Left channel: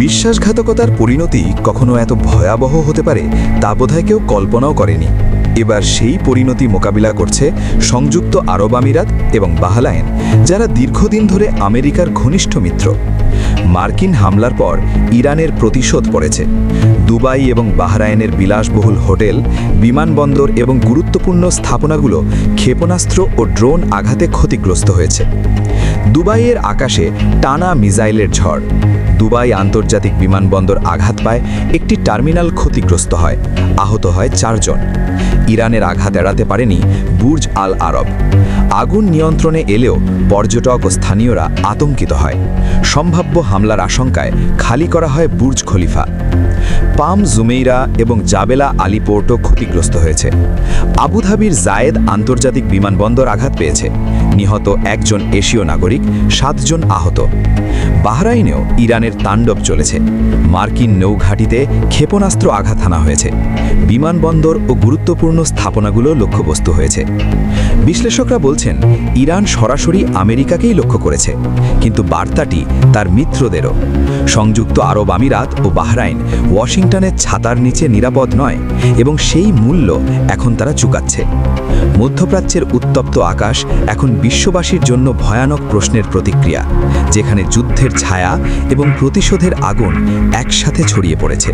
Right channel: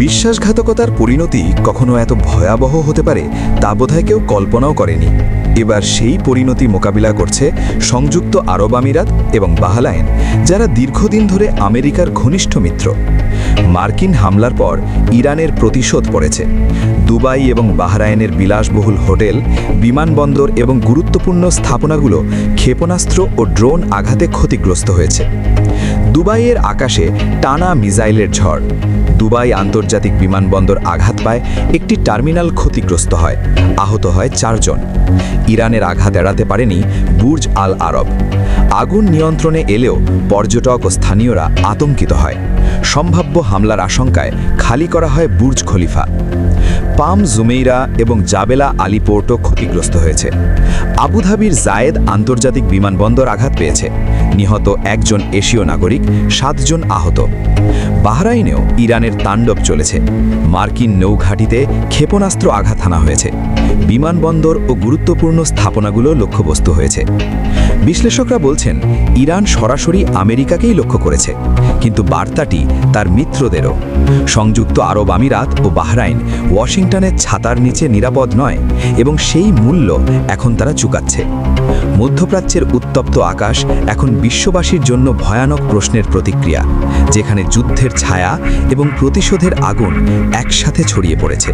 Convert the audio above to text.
বিশ্বাসঘাতকতার পরিণতি কখনো এত ভয়াবহ হতে পারে তা বোধহয় কেউ কল্পনাও করেনি। এবার সেই পরিণতি মোকাবিলা করছে সংযুক্ত আরব আমিরাত এবং বাহরাইন, যারা দীর্ঘদিন ধরে আমেরিকার ঘনিষ্ঠ মিত্র। মার্কিন হামলার পর ইরানের প্রতিশোধ পড়েছে। দুবাই এবং বাহরাইনের বিলাসবহুল হোটেল, বিমানবন্দর এবং গুরুত্বপূর্ণ স্থাপনাগুলো ক্ষেপণাস্ত্র ও ড্রোন আঘাতে ক্ষতিগ্রস্ত হয়েছে। দুবাইয়ের আকাশে টানা মিসাইলের ঝড়। দুবাই আন্তর্জাতিক বিমানবন্দর আঘাত পায়, একটি টার্মিনাল ক্ষতিগ্রস্ত হয়, আহত হয় 4 জন। ইরানের আঘাত এড়াতে পারেনি বুর্জ আল আরব। আগুন নিয়ন্ত্রণে এলেও পর্যটক ও স্থানীয়রা আতঙ্কিত হয়। সম্ভাব্য হামলার আশঙ্কায় খালি করা হয় বুর্জ খলিফা। পাম জুমেইরা এবং জাবেলা আলী পোর্টও ক্ষতিগ্রস্ত হয়েছে। আবুধাবির জায়েদ আন্তর্জাতিক বিমানবন্দর আঘাত পেয়েছে, নিহত 1 জন এশীয় নাগরিক, 7 জন আহত। বাহরাইনেও ইরানের তাণ্ডব চলেছে। মার্কিন নৌঘাঁটিতে ক্ষেপণাস্ত্র আঘাত হানা হয়েছে। বিমানবন্দর ও গুরুত্বপূর্ণ স্থাপনাগুলো লক্ষ্যবস্তু হয়েছে। বিশ্লেষকরা বলছেন, ইরান সরাসরি আমেরিকাকেই লক্ষ্য করেছে, কিন্তু বার্তাটি তার মিত্রদেরও। সংযুক্ত আরব আমিরাত ও বাহরাইন ওয়াশিংটনের ছাতার নিচে নিরাপদ নয়, এবং সেই মূল্য এখন তারা চুকাচ্ছে। মধ্যপ্রাচ্যের উত্তপ্ত আকাশ এখন বিশ্ববাসীর জন্য ভয়ানক প্রশ্নের প্রতিক্রিয়া, যেখানে যুদ্ধের ছায়া এবং প্রতিশোধের আগুন একসাথে ছড়িয়ে পড়েছে।